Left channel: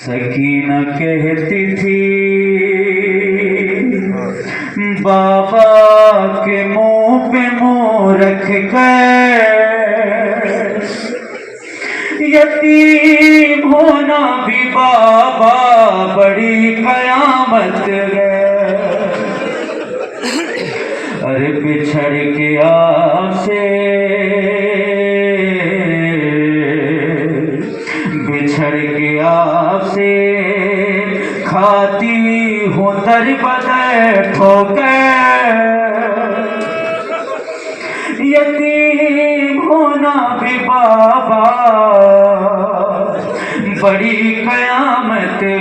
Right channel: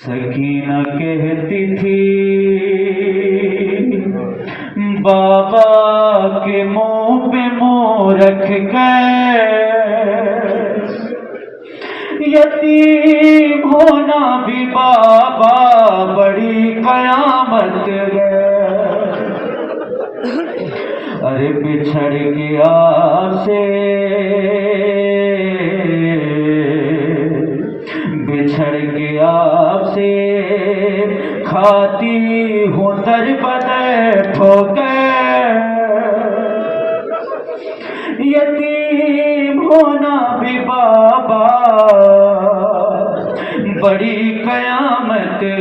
सकीना कहती थी बाबा के मुंह पे मुंह रख कर यतीम होना भी बाबा बड़ी कयामत है। अरे बिछड़ के आपसे आपसे खाती हूँ दर बदर ठोकर यतीम होना भी बाबा बड़ी कयामत है।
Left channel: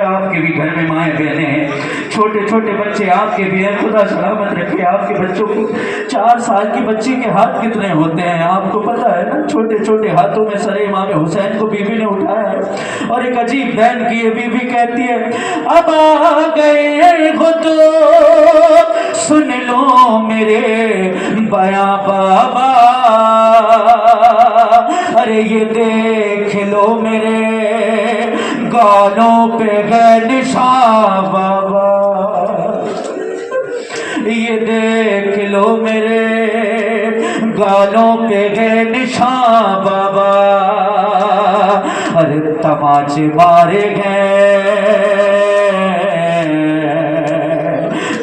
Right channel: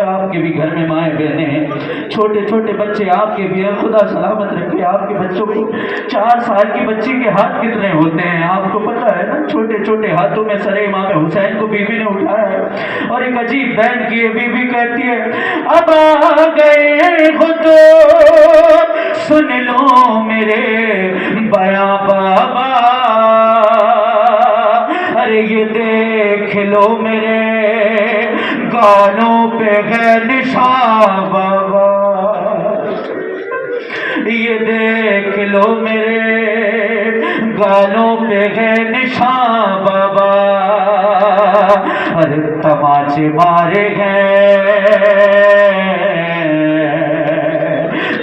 आपके भी घर में माए बहने हैं, छोटे छोटे बच्चे आपके भी हैं, खुदा सलामत रखे आपके बच्चों को। 4 साल की बच्ची के हाथ कितने होते हैं आपको पता है ना। छोटे छोटे हाथों में सरे इमाम हुसैन को बीबी ने उठाया है और एक अजीब बहन की बीबी कहती है अब आ गए हो तो सुन लो मेरे बया बाबा। अरे ये देख लो मेरे गालों पे है निशान बाबा, ये देख लो मेरे गालों पे है निशान बाबा। अरे तमाचे मारे गए,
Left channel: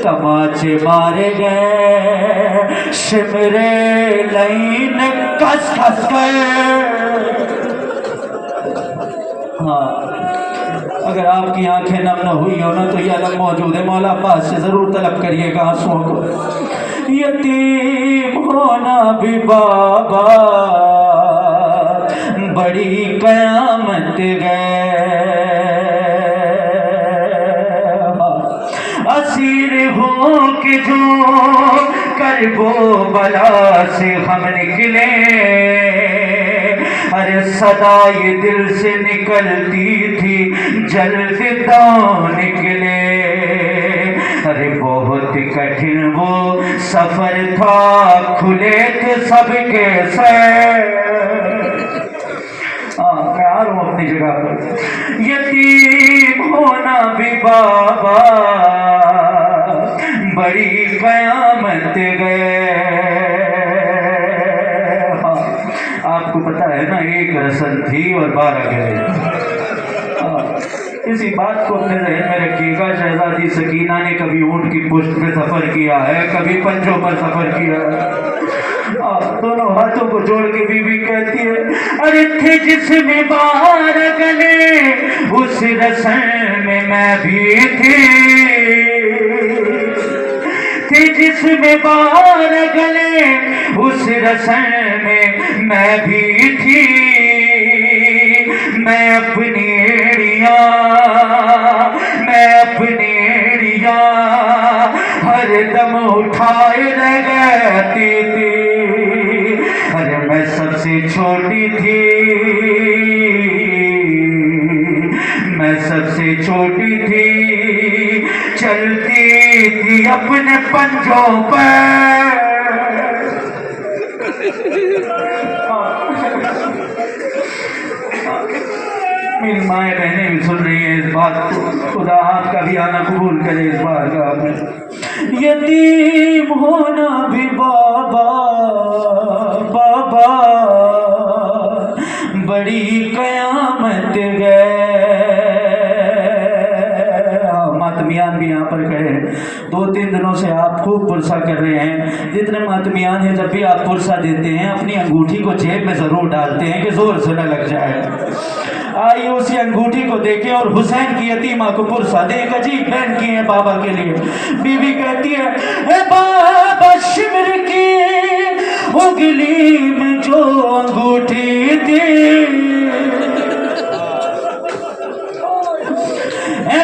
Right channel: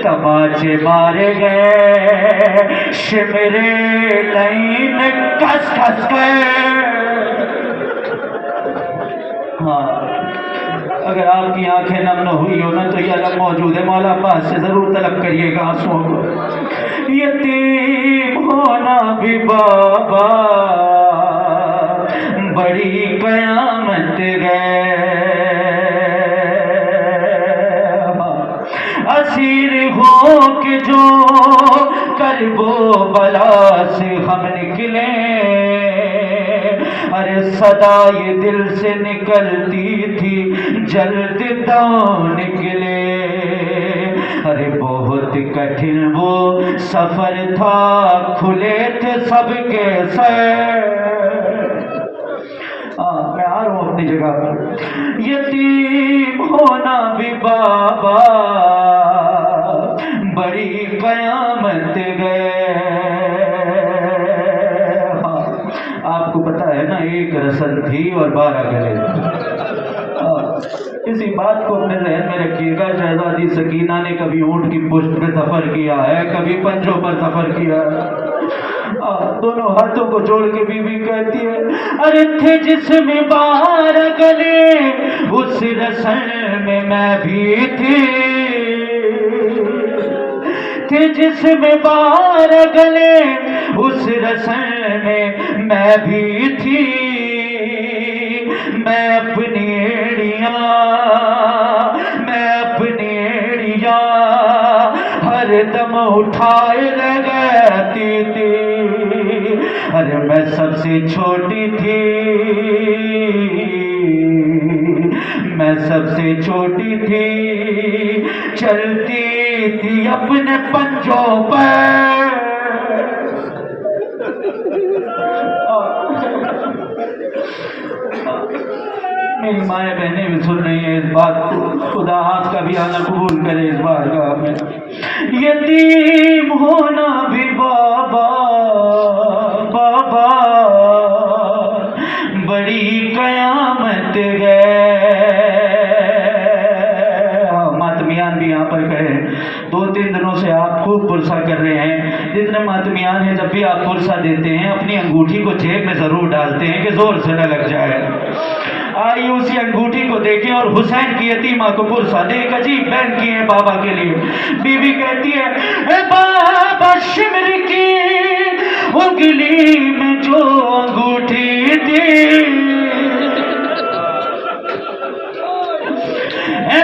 तमाचे मारे गए, शिमरे लाइन कस कस गए। अगर आपकी आंखें नम न हुई हो ना तो यह अलग मौजूद है, मौला अब्बास से जरूर तलब करिएगा आंसुओं को। यतीम होना भी बाबा बड़ी कयामत है। असीर हो के जो करबो बला से हम निकले, अरे सदा ये दिल से निकलती थी जल्दी तो निकले। अरे बहुत कठिन वो सफर था, खुले थे सबके सर। मैं आ रहा हूँ अपनी जगह पर। यतीम होना भी बाबा बड़ी कयामत गए। आपको पता है ना, एक रस्म थी और 12 गले। इसी बात को अपने जहन में रखिएगा। शहजादी सकीना ने कभी ऊंट की पुष्ट पे सफर किया है, कभी पंजों पर सफर किया है। दोनों हाथों को जोड़ के बीबी कहती है अरे थे जिसमें 12 गले उस रस्म में मैं भी थी जिसमें 12 गले उस रस्म में मैं भी थी। मैं अपनी एड़ियां हर दम उठाए लगती थी। अरे मैं सबसे छोटी थी, मैं सबसे छोटी थी, चलती थी अपने पंजों पर। मेरी माए बहनें भी सुन रही है इस बात को, खुदा आपका भी आना कबूल करे इस बारगाह में। यतीम होना भी बाबा बाबा बड़ी कयामत है। मातमियान भी यहाँ पर कहे 2-3 दिनों से आप खूब पुरसा कर रहे हैं। जितने मातमियान हैं जब भी आप पुरसा देते हैं अपनी अंगूठी को जेब में जरूर डालते हैं कि जोर से न लग जाए। आइए उसी अंगूठी को देखें और हुसैन की यतीमा को पुरसा दे। एक अजीब बहन की है बाबा के लिए। बीवी कहती है बाबा शिमर की उंगली में जो अंगूठी थी,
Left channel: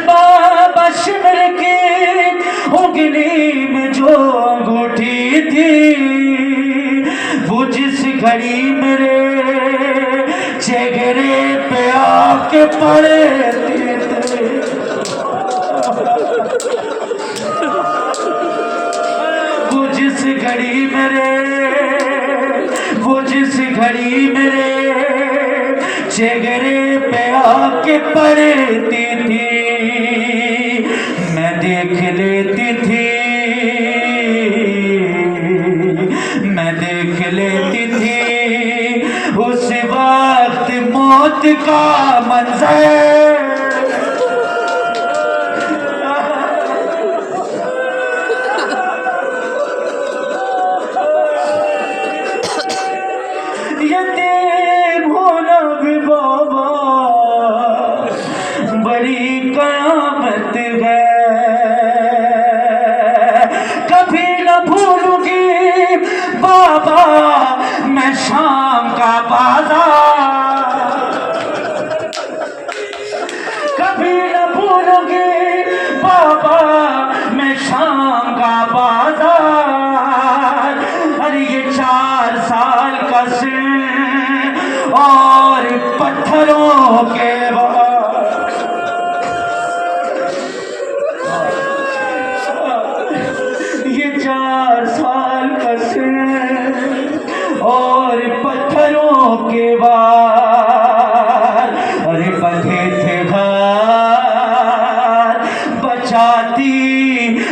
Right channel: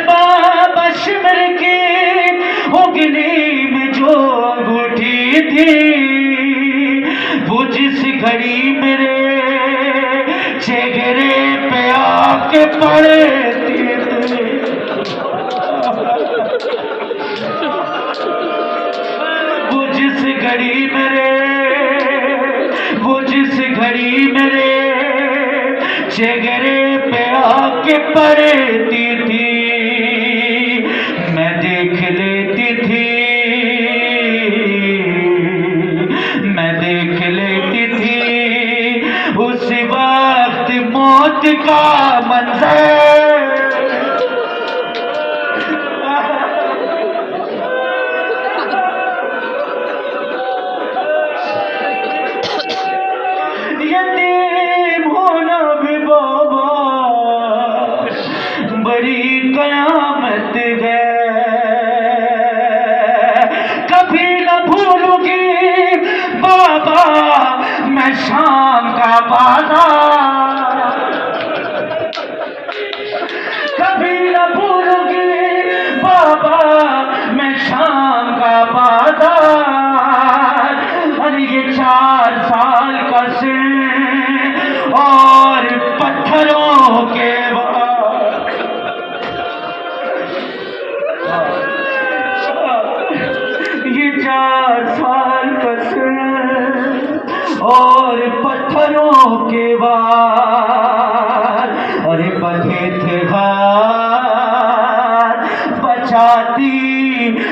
बाबा शिमर की उंगली में जो अंगूठी थी, वो जिस घड़ी मेरे चेहरे पे आके पड़े थे, वो जिस घड़ी मेरे चेहरे पे आके के पढ़ती थी मैं देख लेती थी, मैं देख लेती थी उस वक्त मौत का मंजर। यतीम होना भी बाबा बड़ी कयामत है, कभी न भूलूंगी बाबा मैं शाम का बाजार, कभी न भूलूंगी बाबा मैं शाम का बाजार। अरे ये 4 साल का से और पत्थरों के ये 4 साल का से और पत्थरों के बाद, अरे बंधे थे हाथ बचाती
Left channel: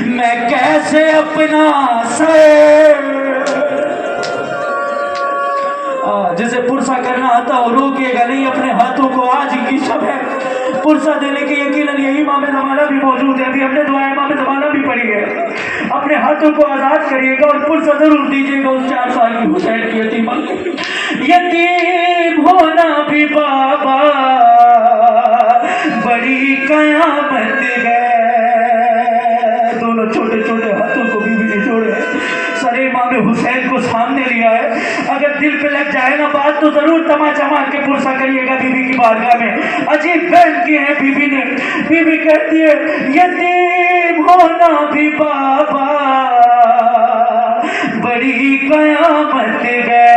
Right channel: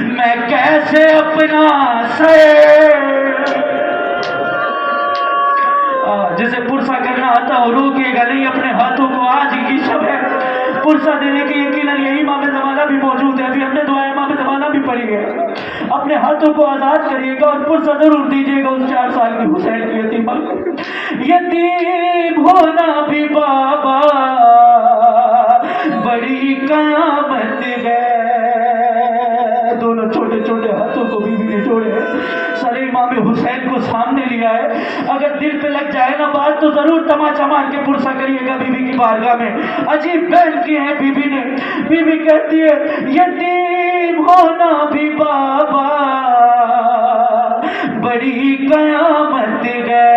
मैं कैसे अपना सर। जिसे पुरसा करना आता हो रोकेगा नहीं अपने हाथों को। आज की शब है पुरसा देने के यकीनन यही इमाम ज़माना भी मौजूद है, अभी हमने दुआ इमाम ज़माना भी पढ़ी है। अपने हाथों को आजाद करिएगा और पुरसा जरूर दीजिएगा उस 4 साल की हुसैन की यतीमा। यतीम होना भी बाबा बड़ी कयामत है। दोनों छोटे छोटे हाथों को बीवी ने जोड़े, सारे इमाम हुसैन को सामने लिया है। अगर दिल पे लग जाए ना बात तो जरूर तमाचा मार के पुरसा करिएगा बीबी की बारगाह में। अजीब बहन की है बीबी ने, बीबी कहती है यतीम होना भी बाबा बड़ी कयामत है।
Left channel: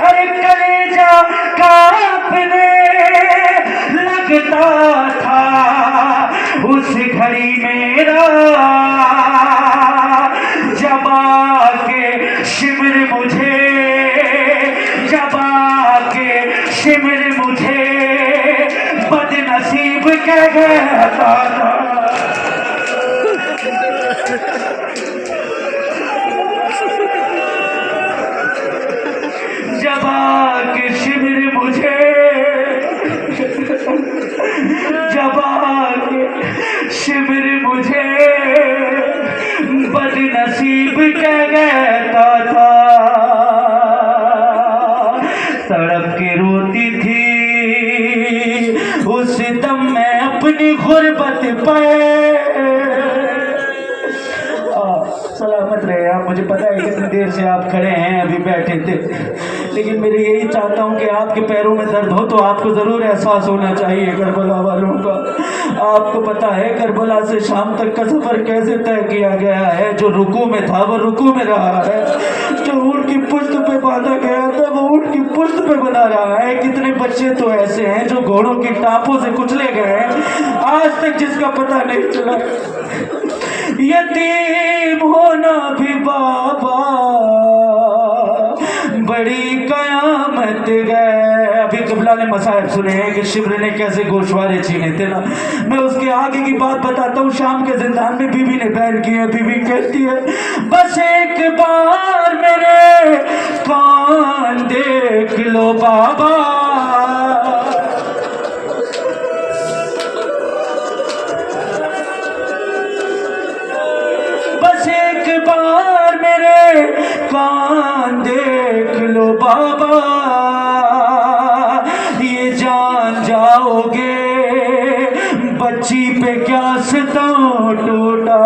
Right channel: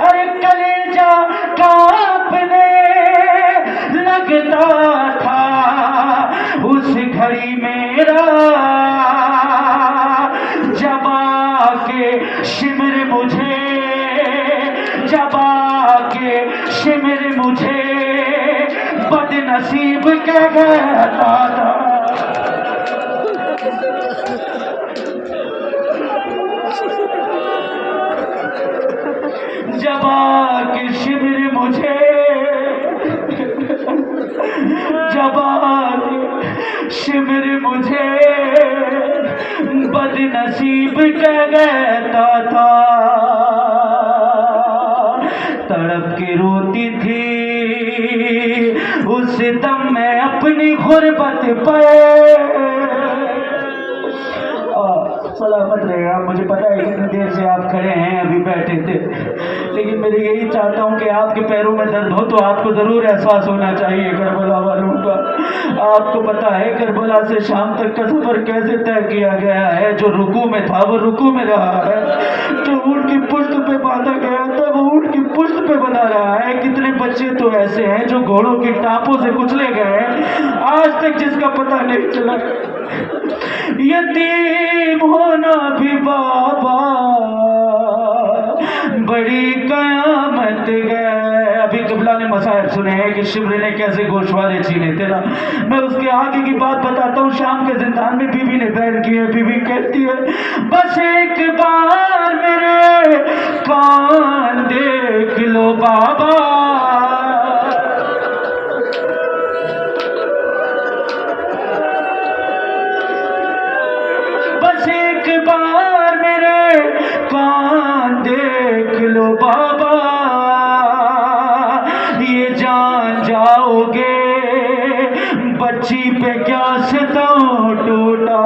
अरे कलेजा कांपने लगता था उस घड़ी मेरा, जब आके शिविर मुझे, जब आके शिविर मुझे बदनसीब कह कहता था। जब आके शिविर मुझे, जब आके शिविर मुझे बदनसीब कह कहता था। तड़प के रोती थी उस दम मैं अपनी गुर्बत पे। सलामत रहे आप। मुझे पता है कितनी देर से आप खड़े हैं, अभी बैठे थे, लेकिन मेरे यही चाहता हूँ कि आपके पैरों में दर्द हो तो आपको ज़रूर एहसास होना चाहिए करबला वालों का। आपको पता है करबला से शाम तक का सफ़र कैसे तय किया गया है। जो रुकू में था वो रुकू में रहा है, जो ऊँट की पुश्त पे बांधा गया था वो ऊँट की पुश्त पे बना रहा है। कितने बच्चे तो ऐसे हैं जो घोड़ों की टापों से कुचले गए हैं, आज तक जिसका पता नहीं चला। यतीम होना भी बाबा बड़ी कयामत है। अभी किबला ने मसाइब सुने हैं कि शिवरी ने कैसे गोशवारे छीने थे ना। मैं उसके आगे की बात बताता हूँ। शाम के जिंदान में बीवी ने बयान की है। बीवी कहती है बस एक बार मेरे कान देख लो बाबा, बस एक बार मेरे कान देख लो बाबा, ये जान जाओगे बच्ची पे क्या सितम टूटा।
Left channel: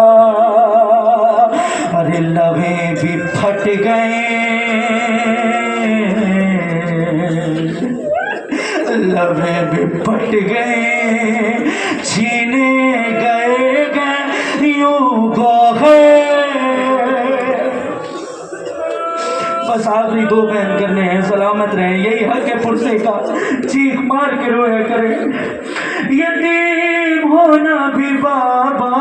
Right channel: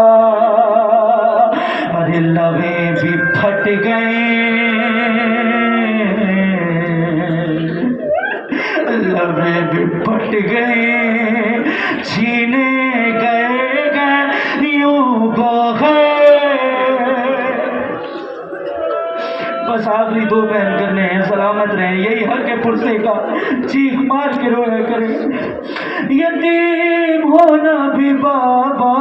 अरे लवे भी फट गए, लवे भी फट गए, छीने गए यूं गए। बस आखिरी 2 बयान करने हैं। सलामत रहे, यही हल्के पुरसे का चीख मार के रोए करे। यतीम होना भी बाबा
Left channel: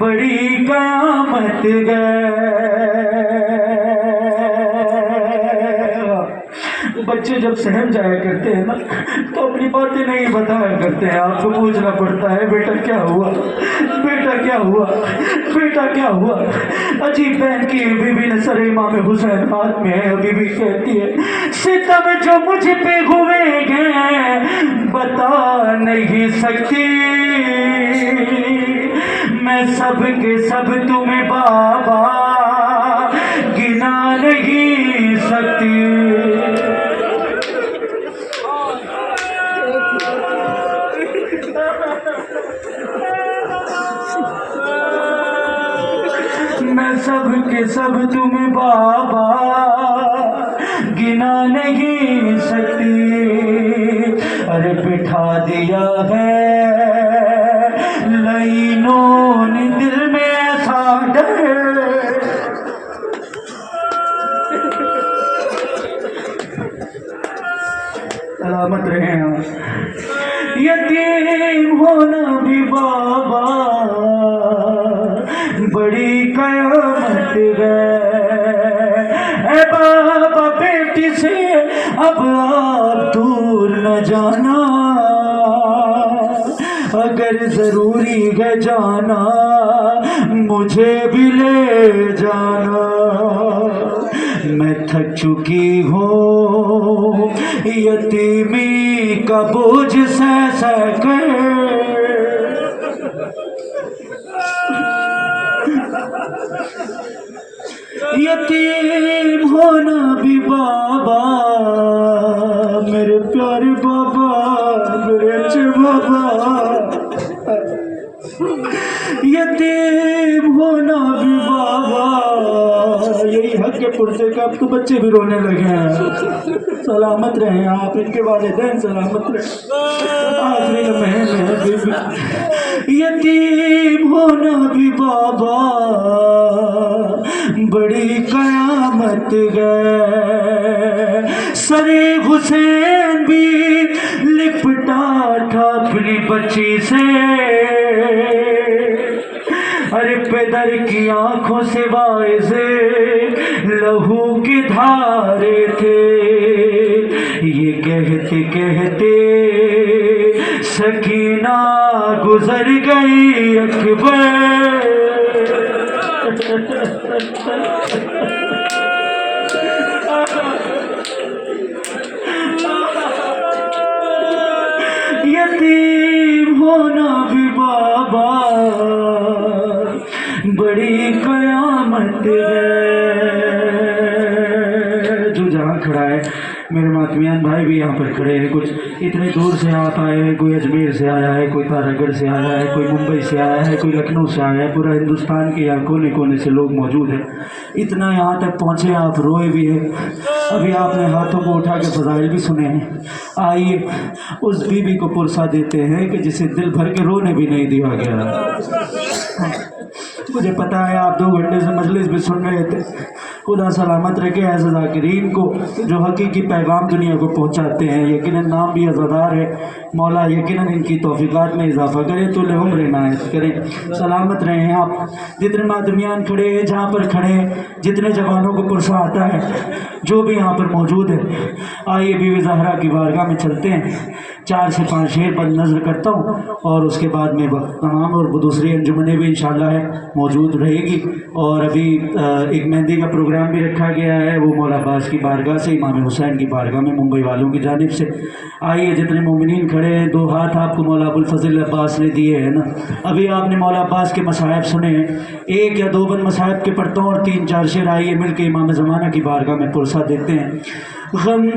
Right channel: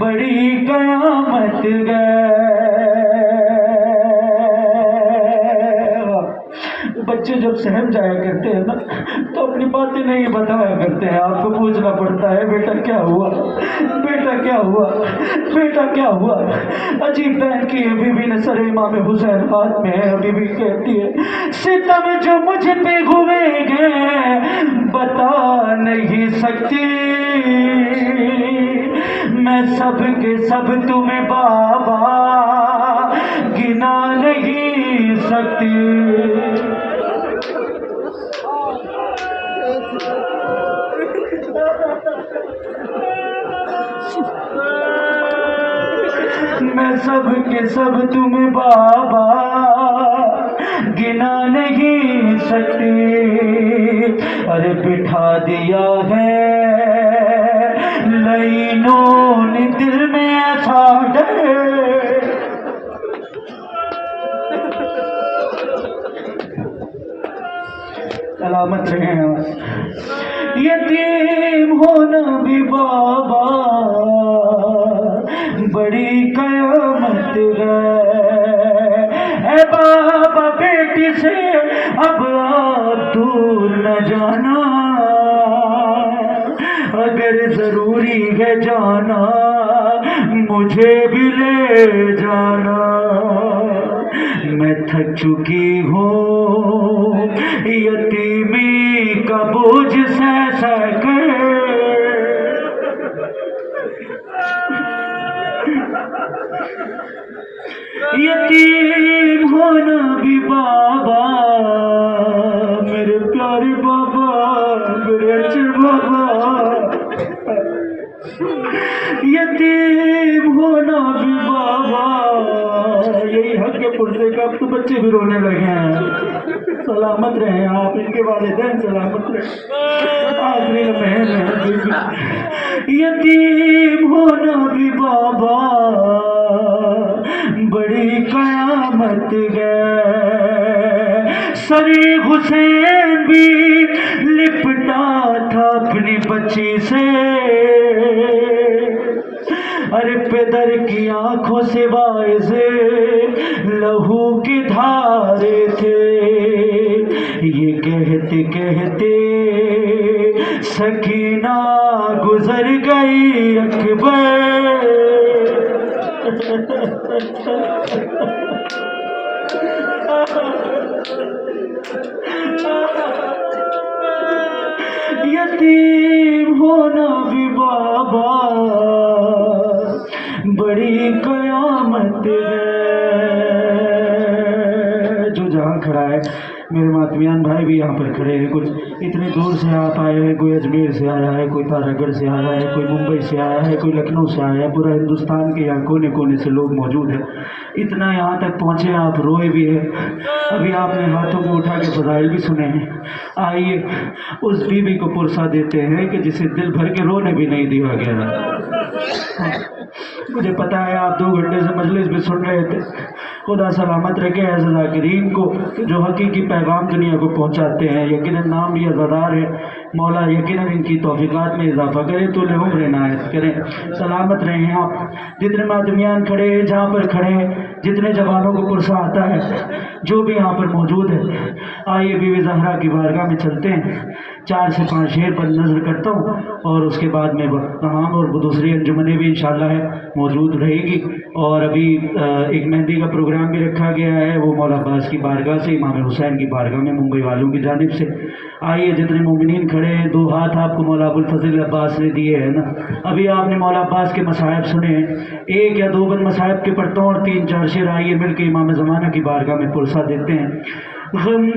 बड़ी कयामत है। बच्चे जब सहम जाया करते हैं ना ना तो अपनी बातें नहीं बताया करते हैं, आपको पूछना पड़ता है बेटा क्या हुआ, बेटा क्या हुआ, बेटा क्या हुआ। अजीब बहन की बीबी ने सर इमाम हुसैन हाथ में है, बीबी कहती है सितम जो मुझ पे हुए हैं बता नहीं सकती, मैं सब के सब तुम्हें बाबा गिना नहीं सकती। मैं सब के सब तुम्हें बाबा गिना नहीं सकती। अरे बिठा दिया है लाइनों ने दिल में ऐसा डर, सलामत रहे। यतीम होना भी बाबा बड़ी कयामत है, बाबा बेटी से अब आप दूर न जाना, अगर जरूरी है जाना मुझे भी ले जाना, मैं थक चुकी हूँ यतीमी का बोझ सह सह कर। यतीम होना भी बाबा मेरे प्यारे बाबा, मेरे अच्छे बाबा, यतीम होना भी बाबा यही हक के पुरसे का। अब तो बच्चे भी रोने लगे हैं, सलामत रहे आप, इनके वालिदैन सलामत रहे। आखिरी लम्हे यतीम होना भी बाबा बड़ी कयामत है। सरे हुसैन भी लिपटा था अपनी बच्ची से, अरे पैदर की आंखों से वाय से लहू के धारे थे, ये कहते कहते सकीना गुजर गई अकबर। यतीम होना भी बाबा बड़ी कयामत है। जो जहाँ खड़ा है मेरे मातमियान भाई भी यहाँ पर खड़े हैं, कुछ इतने दूर से आप आए हैं, कोई अजमेर से आया है, कोई तारागढ़ से आया है, कोई मुंबई से आया है, कोई लखनऊ से आया है, पूरा हिंदुस्तान के यहाँ कोने कोने से लोग मौजूद हैं। इतना यहाँ तक पहुँचे आप रोए भी हैं, अभी आपने हाथों को उठा के फजाइल भी सुने हैं। आइए उस बीबी को पुरसा देते हैं कि जिसे दिल भर के रोने भी नहीं दिया गया। मुझे पता है आप 2 घंटे से मजलिस भी सुन रहे थे। खुदा सलामत रखे ऐसे ज़ाकिरीन को जो हकीकी पैगाम दुनिया को पहुँचाते हैं। यकीनन नाम भी अज़ादार है, मौला यकीनन इनकी तौफ़ीक़ात में इजाफ़ा करें, तो उम्र इनायत करें। सलामत रहें आप जितने मादमियान खड़े हैं, जहाँ पर खड़े हैं, जितने जवानों को पुरसा आता है, जो भी यहाँ पर मौजूद है। आइए बीवी ज़हरा की बारगाह में चलते हैं। 4 से 5 शेर पर नज़र करता हूँ और उसके बाद में तमाम और दूसरी अंजुमनें भी इंशाअल्लाह है मौजूद रहेगी। और अभी एक मेहंदी का प्रोग्राम भी रखा गया है, वो मौला अब्बास की बारगाह से, इमाम हुसैन की बारगाह में, मुंबई वालों की जानिब से। आइए जितने मोमिनीन खड़े हैं, 2 हाथ आपको मौला अबुल फज़ल अब्बास ने दिए हैं ना। अभी आपने मौला अब्बास के मसाहब सुने हैं, 1 या 2 बंद मसाहब के पढ़ता हूँ और 3-4 शेर आइए मिल के इमाम ज़माना की बारगाह में पुरसा देते हैं। गम